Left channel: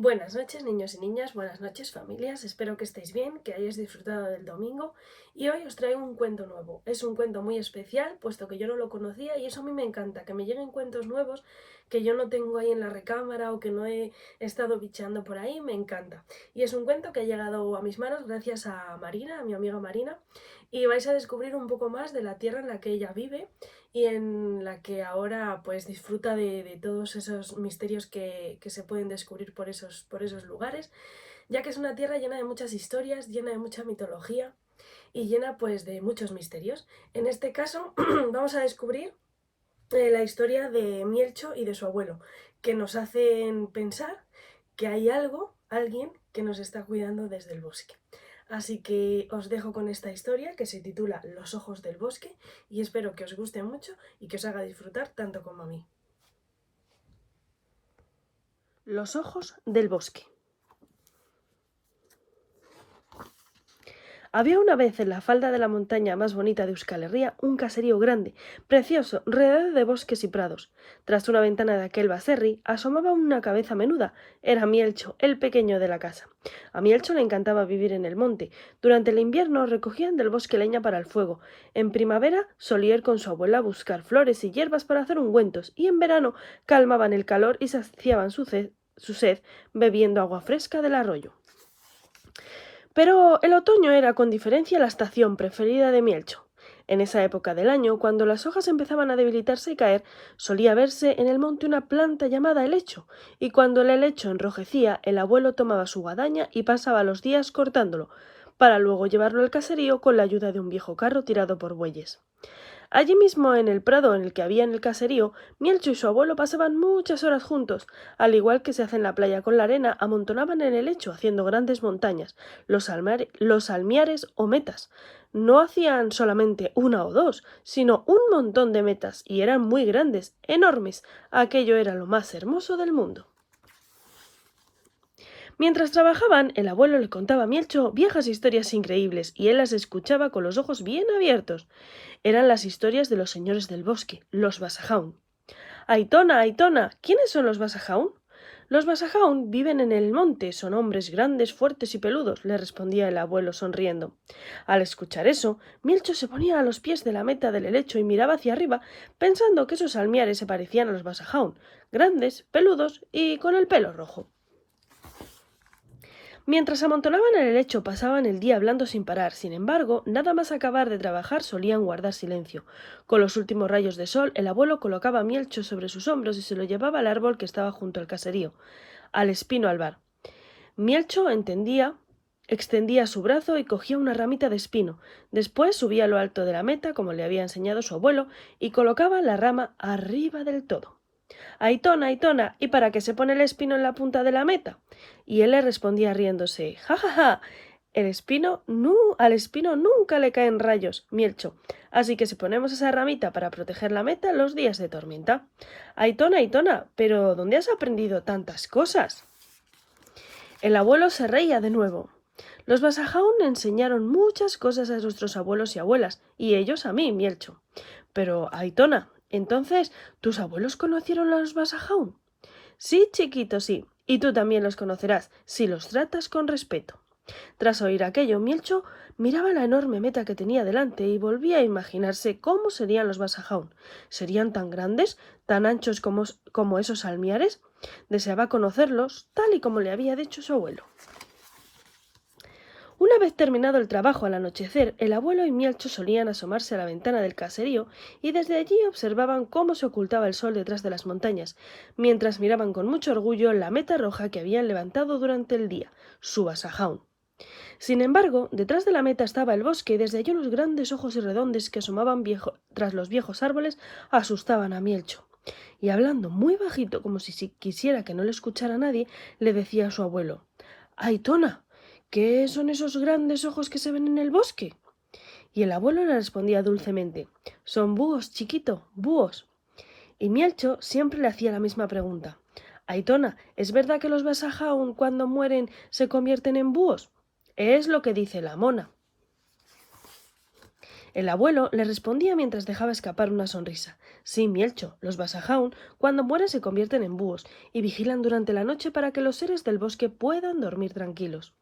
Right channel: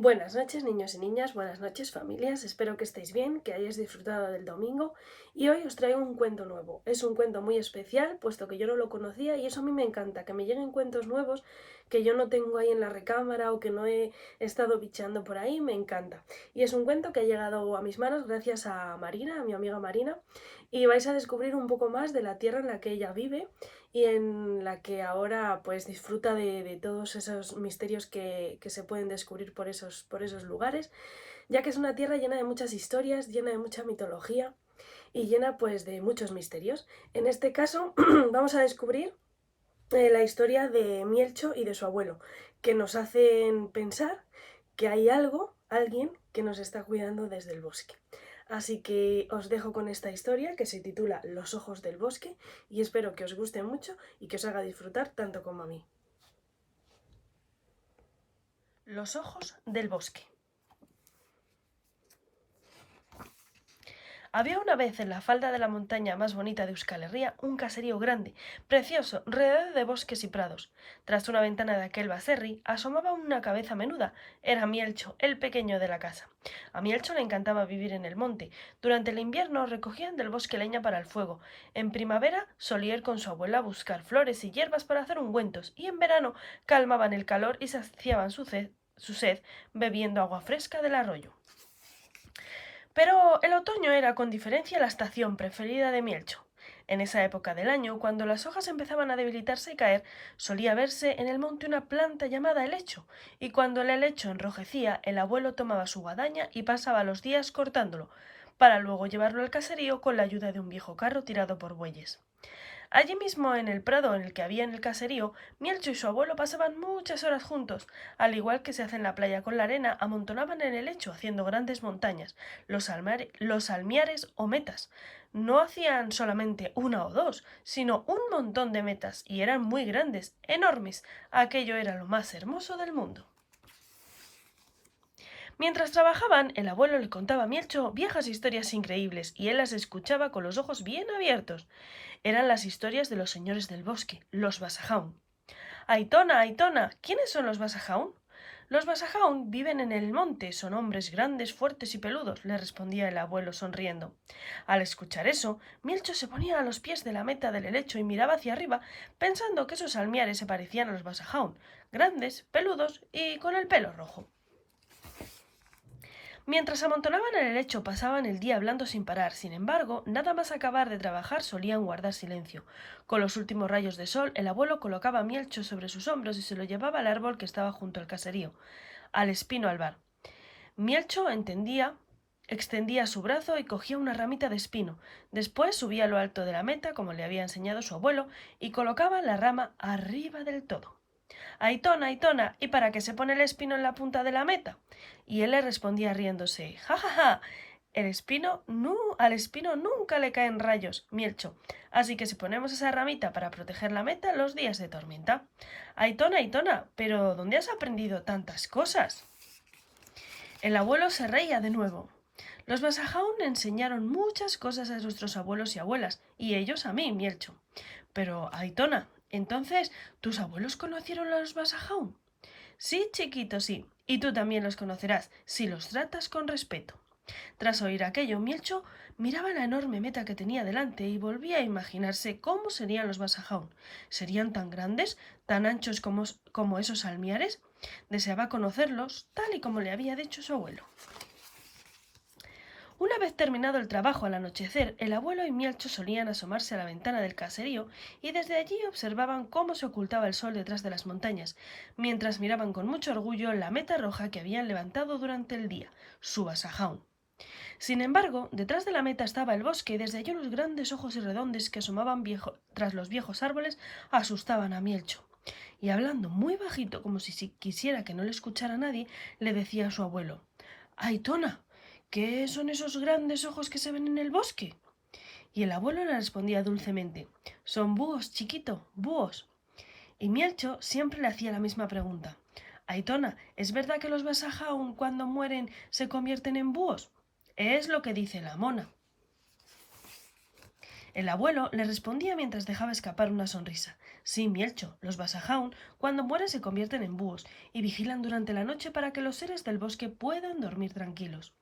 Buenas noches, niños y niñas, buenas noches, familias. Espero que estéis bien, que hayáis disfrutado del domingo. Y hoy os traigo un cuento nuevo. Es un cuento muy especial, puesto que yo no lo conocía y eso a mí me encanta, que me lleguen cuentos nuevos que yo no tengo ahí en la recámara o que no he estado bicheando por ahí, me encanta. Y es un cuento que ha llegado a mis manos gracias a Marina, a mi amiga Marina, y vais a descubrir un poco más de la tierra en la que ella vive y en la que ahora pues disfruta de todos esos misterios que se pueden descubrir por esos lugares, ya que es una tierra llena de muchas historias, llena de mucha mitología y llena pues de muchos misterios. En este caso vamos a descubrir la historia de Mielcho y de su abuelo, que nos hacen pensar que hay algo, alguien que nos está cuidando desde el bosque. Así que os dejo con esta historia que se titula Los ojos del bosque y espero que os guste mucho y que os haga disfrutar tanto como a mí. Los ojos del bosque. Había una vez en la falda de la montaña más bonita de Euskal Herria un caserío grande, precioso, rodeado de bosques y prados. Tras una ventana de aquel baserri asomaba una cabeza menuda. Era Mielcho, el pequeño de la casa. A Mielcho le encantaba vivir en el monte. Durante el invierno recogían del bosque leña para el fuego. En primavera solía ir con su abuela a buscar flores y hierbas para hacer ungüentos, y en verano calmaban el calor y saciaban su sed bebiendo agua fresca del arroyo. Pero el otoño era con diferencia la estación preferida de Mielcho. En esa época del año, cuando las hojas empezaban a debilitarse y caer, solía verse en el monte una planta llamada helecho, y cuando el helecho enrojecía, el abuelo tomaba su guadaña y pasaba los días cortándolo, para luego llevarlo al caserío con la ayuda de un viejo carro tirado por bueyes. Allí mismo, en el prado en el que había en el caserío, Mielcho y su abuelo pasaban muchas horas juntos. Al igual que se hace en la playa con la arena, amontonaban en el lecho, haciendo grandes montañas, los almiares o metas. No hacían solamente una o dos, sino un montón de metas, y eran muy grandes, enormes. Aquello era lo más hermoso del mundo. Mientras trabajaban, el abuelo le contaba a Mielcho viejas historias increíbles, y él las escuchaba con los ojos bien abiertos. Eran las historias de los señores del bosque, los Basajaun. Aitona, Aitona, ¿quiénes son los Basajaun? Los Basajaun viven en el monte, son hombres grandes, fuertes y peludos, le respondía el abuelo sonriendo. Al escuchar eso, Milcho se ponía a los pies de la meta del helecho y miraba hacia arriba, pensando que esos almiares se parecían a los Basajaun, grandes, peludos y con el pelo rojo. Mientras amontonaban en el lecho pasaban el día hablando sin parar. Sin embargo, nada más acabar de trabajar solían guardar silencio. Con los últimos rayos de sol, el abuelo colocaba a Mielcho sobre sus hombros y se lo llevaba al árbol que estaba junto al caserío, al espino albar. Mielcho extendía su brazo y cogía una ramita de espino. Después subía a lo alto de la meta, como le había enseñado su abuelo, y colocaba la rama arriba del todo. Aitona, Aitona, ¿y para qué se pone el espino en la punta de la meta? Y él le respondía riéndose, ja, ja, ja, al espino nunca le caen rayos, Mielcho, así que si ponemos esa ramita para proteger la meta en los días de tormenta. Aitona, Aitona, ¿pero dónde has aprendido tantas cosas? El abuelo se reía de nuevo. Los Basajaun enseñaron muchas cosas a nuestros abuelos y abuelas, y ellos a mí, Mielcho. Pero, Aitona, entonces, ¿tus abuelos conocieron a los Basajaun? Sí, chiquito, sí. Y tú también los conocerás, si los tratas con respeto. Tras oír aquello, Mielcho miraba la enorme meta que tenía delante y volvía a imaginarse cómo serían los Basajaun. ¿Serían tan grandes, tan anchos como esos almiares? Deseaba conocerlos, tal y como le había dicho su abuelo. Una vez terminado el trabajo al anochecer, el abuelo y Mielcho solían asomarse a la ventana del caserío y desde allí observaban cómo se ocultaba el sol detrás de las montañas, mientras miraban con mucho orgullo la meta roja que habían levantado durante el día, su Basajaun. Sin embargo, detrás de la meta estaba el bosque y desde allí unos grandes ojos y redondos que asomaban tras los viejos árboles asustaban a Mielcho. Y hablando muy bajito, como si quisiera que no le escuchara nadie, le decía a su abuelo: «Aitona, ¿qué son esos grandes ojos que se ven en el bosque?». Y el abuelo le respondía dulcemente: «Son búhos, chiquito, búhos». Y Mielcho siempre le hacía la misma pregunta: «Aitona, ¿es verdad que los Basajaun cuando mueren se convierten en búhos?». «Es lo que dice la mona». El abuelo le respondía mientras dejaba escapar una sonrisa. Sí, Mielcho, los Basajaun, cuando mueren se convierten en búhos y vigilan durante la noche para que los seres del bosque puedan dormir tranquilos.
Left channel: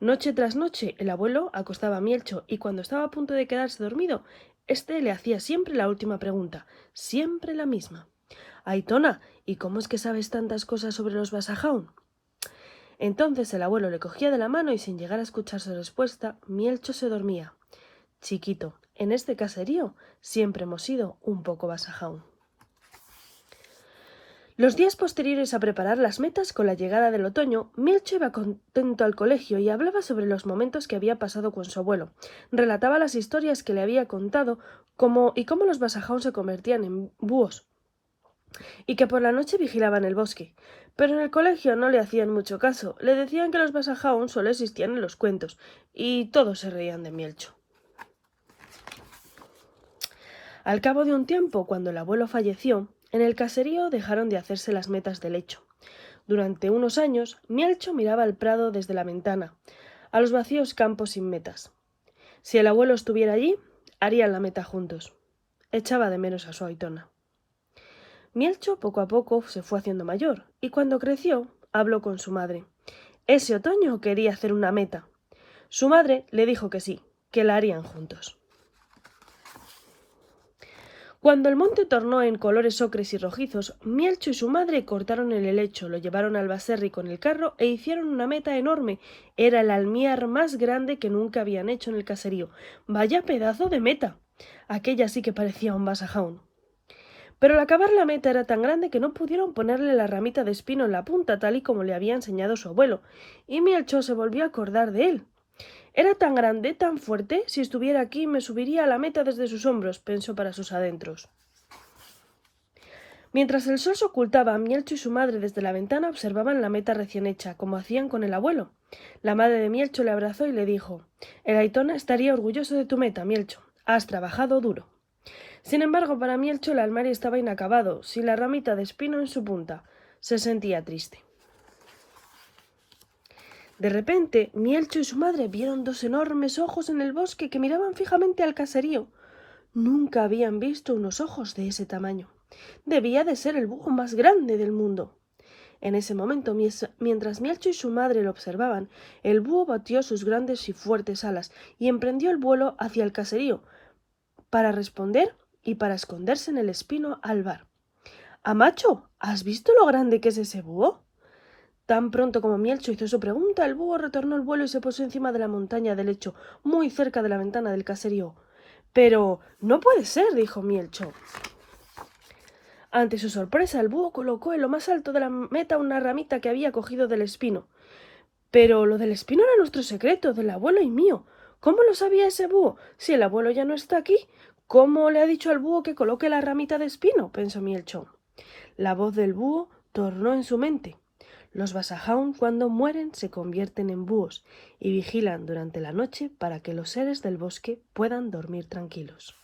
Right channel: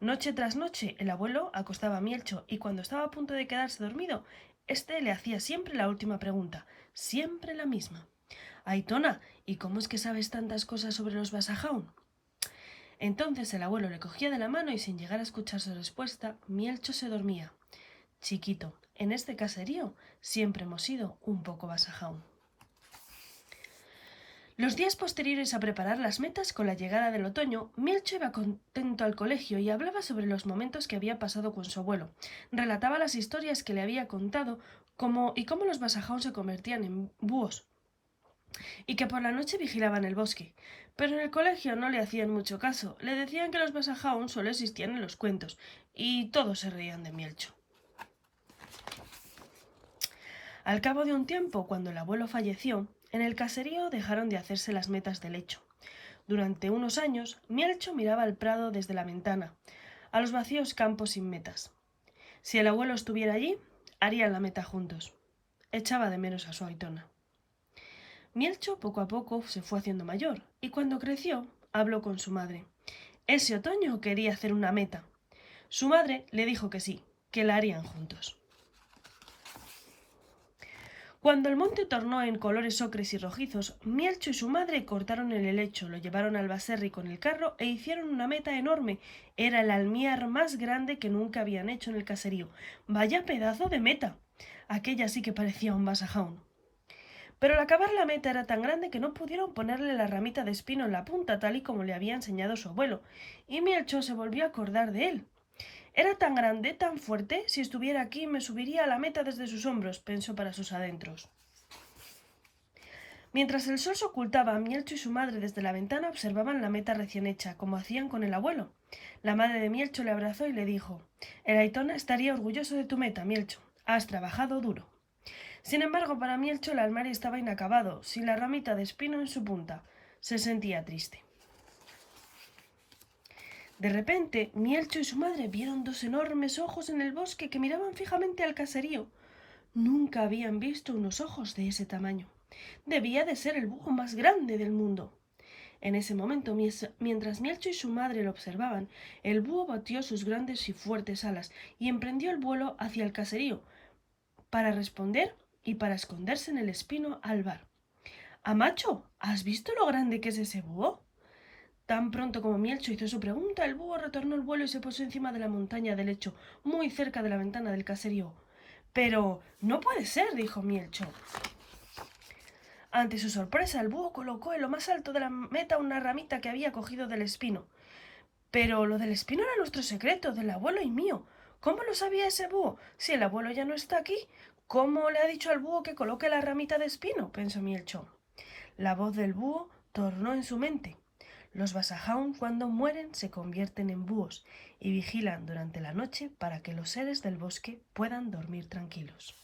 Noche tras noche, el abuelo acostaba a Mielcho y cuando estaba a punto de quedarse dormido, este le hacía siempre la última pregunta, siempre la misma. Aitona, ¿y cómo es que sabes tantas cosas sobre los Basajaun? Entonces el abuelo le cogía de la mano y sin llegar a escuchar su respuesta, Mielcho se dormía. Chiquito, en este caserío siempre hemos sido un poco Basajaun. Los días posteriores a preparar las metas con la llegada del otoño, Mielcho iba contento al colegio y hablaba sobre los momentos que había pasado con su abuelo. Relataba las historias que le había contado y cómo los Basajaun se convertían en búhos y que por la noche vigilaban el bosque. Pero en el colegio no le hacían mucho caso, le decían que los Basajaun solo existían en los cuentos y todos se reían de Mielcho. Al cabo de un tiempo, cuando el abuelo falleció, en el caserío dejaron de hacerse las metas del lecho. Durante unos años, Mielcho miraba al prado desde la ventana, a los vacíos campos sin metas. Si el abuelo estuviera allí, harían la meta juntos. Echaba de menos a su Aitona. Mielcho poco a poco se fue haciendo mayor, y cuando creció, habló con su madre. Ese otoño quería hacer una meta. Su madre le dijo que sí, que la harían juntos. Cuando el monte tornó en colores ocres y rojizos, Mielcho y su madre cortaron el helecho, lo llevaron al Baserri con el carro e hicieron una meta enorme. Era el almiar más grande que nunca habían hecho en el caserío. ¡Vaya pedazo de meta! Aquella sí que parecía un Basajaun. Pero al acabar la meta era tan grande que no pudieron ponerle la ramita de espino en la punta tal y como le había enseñado su abuelo, y Mielcho se volvió a acordar de él. Era tan grande, tan fuerte, si estuviera aquí me subiría a la meta desde sus hombros, pensó para sus adentros. Mientras el sol se ocultaba, Mielcho y su madre desde la ventana observaban la meta recién hecha, como hacían con el abuelo. La madre de Mielcho le abrazó y le dijo: El Aitona estaría orgulloso de tu meta, Mielcho. Has trabajado duro. Sin embargo, para Mielcho el armario estaba inacabado, sin la ramita de espino en su punta. Se sentía triste. De repente, Mielcho y su madre vieron dos enormes ojos en el bosque que miraban fijamente al caserío. Nunca habían visto unos ojos de ese tamaño. Debía de ser el búho más grande del mundo. En ese momento, mientras Mielcho y su madre lo observaban, el búho batió sus grandes y fuertes alas y emprendió el vuelo hacia el caserío, para responder y para esconderse en el espino albar. —Amacho, ¿has visto lo grande que es ese búho? Tan pronto como Mielcho hizo su pregunta, el búho retornó el vuelo y se posó encima de la montaña del lecho, muy cerca de la ventana del caserío. —Pero no puede ser —dijo Mielcho. Ante su sorpresa, el búho colocó en lo más alto de la meta una ramita que había cogido del espino. Pero lo del espino era nuestro secreto, del abuelo y mío. ¿Cómo lo sabía ese búho? Si el abuelo ya no está aquí, ¿cómo le ha dicho al búho que coloque la ramita de espino? Pensó Mielcho. La voz del búho tornó en su mente. Los Basajaun cuando mueren se convierten en búhos y vigilan durante la noche para que los seres del bosque puedan dormir tranquilos.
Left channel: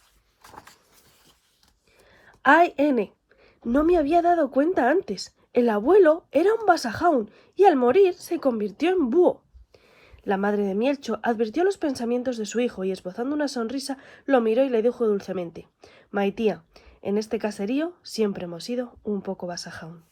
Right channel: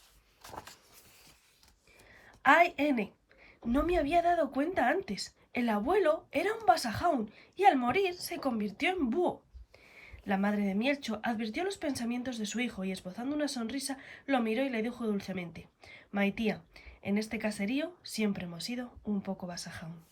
¡Ay, N! No me había dado cuenta antes. El abuelo era un Basajaun y al morir se convirtió en búho. La madre de Mielcho advirtió los pensamientos de su hijo y esbozando una sonrisa lo miró y le dijo dulcemente: Maitía, en este caserío siempre hemos sido un poco Basajaun.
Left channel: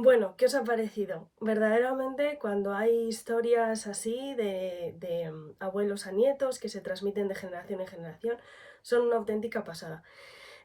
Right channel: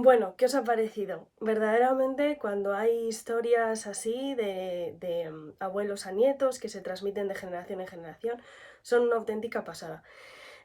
Bueno, ¿qué os ha parecido? Verdaderamente, cuando hay historias así de abuelos a nietos que se transmiten de generación en generación, son una auténtica pasada.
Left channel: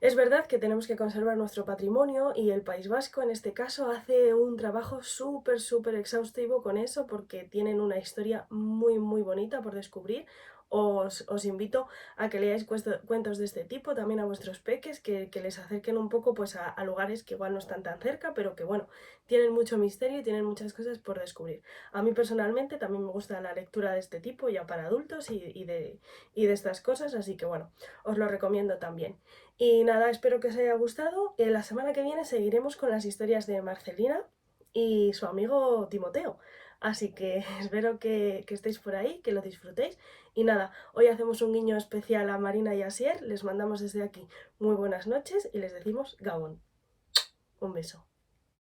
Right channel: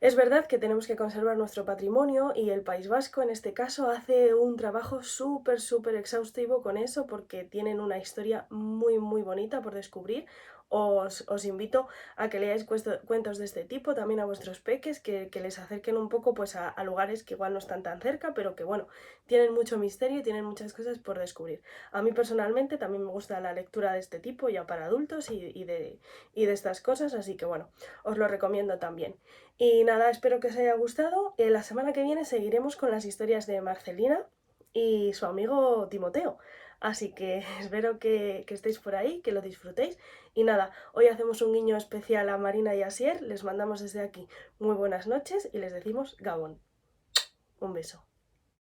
Es verdad que tenemos que conservar nuestro patrimonio y el País Vasco, en este caso, hace un trabajo súper exhaustivo con eso porque tienen una historia muy bonita por descubrir. Os invito a que leáis cuentos de este tipo, también a vuestros peques, que les acerquen un poco pues, a lugares que igual no están tan cerca, pero que bueno, tienen mucho misterio y tienen muchas cosas por descubrir. A mí personalmente también me gusta la lectura de este tipo, ya para adultos y de estas cosas, así que bueno, os lo recomiendo también. Y nada, espero que os haya gustado. La semana que viene seguiremos con las historias de Marcelina y su amigo Timoteo. Así que espero que estéis por ahí, que lo disfrutéis. Y nada, hoy hacemos un guiño especial a Marina y a Asier. Les mandamos desde aquí muy buenas noches y les decimos Gabón. Un beso.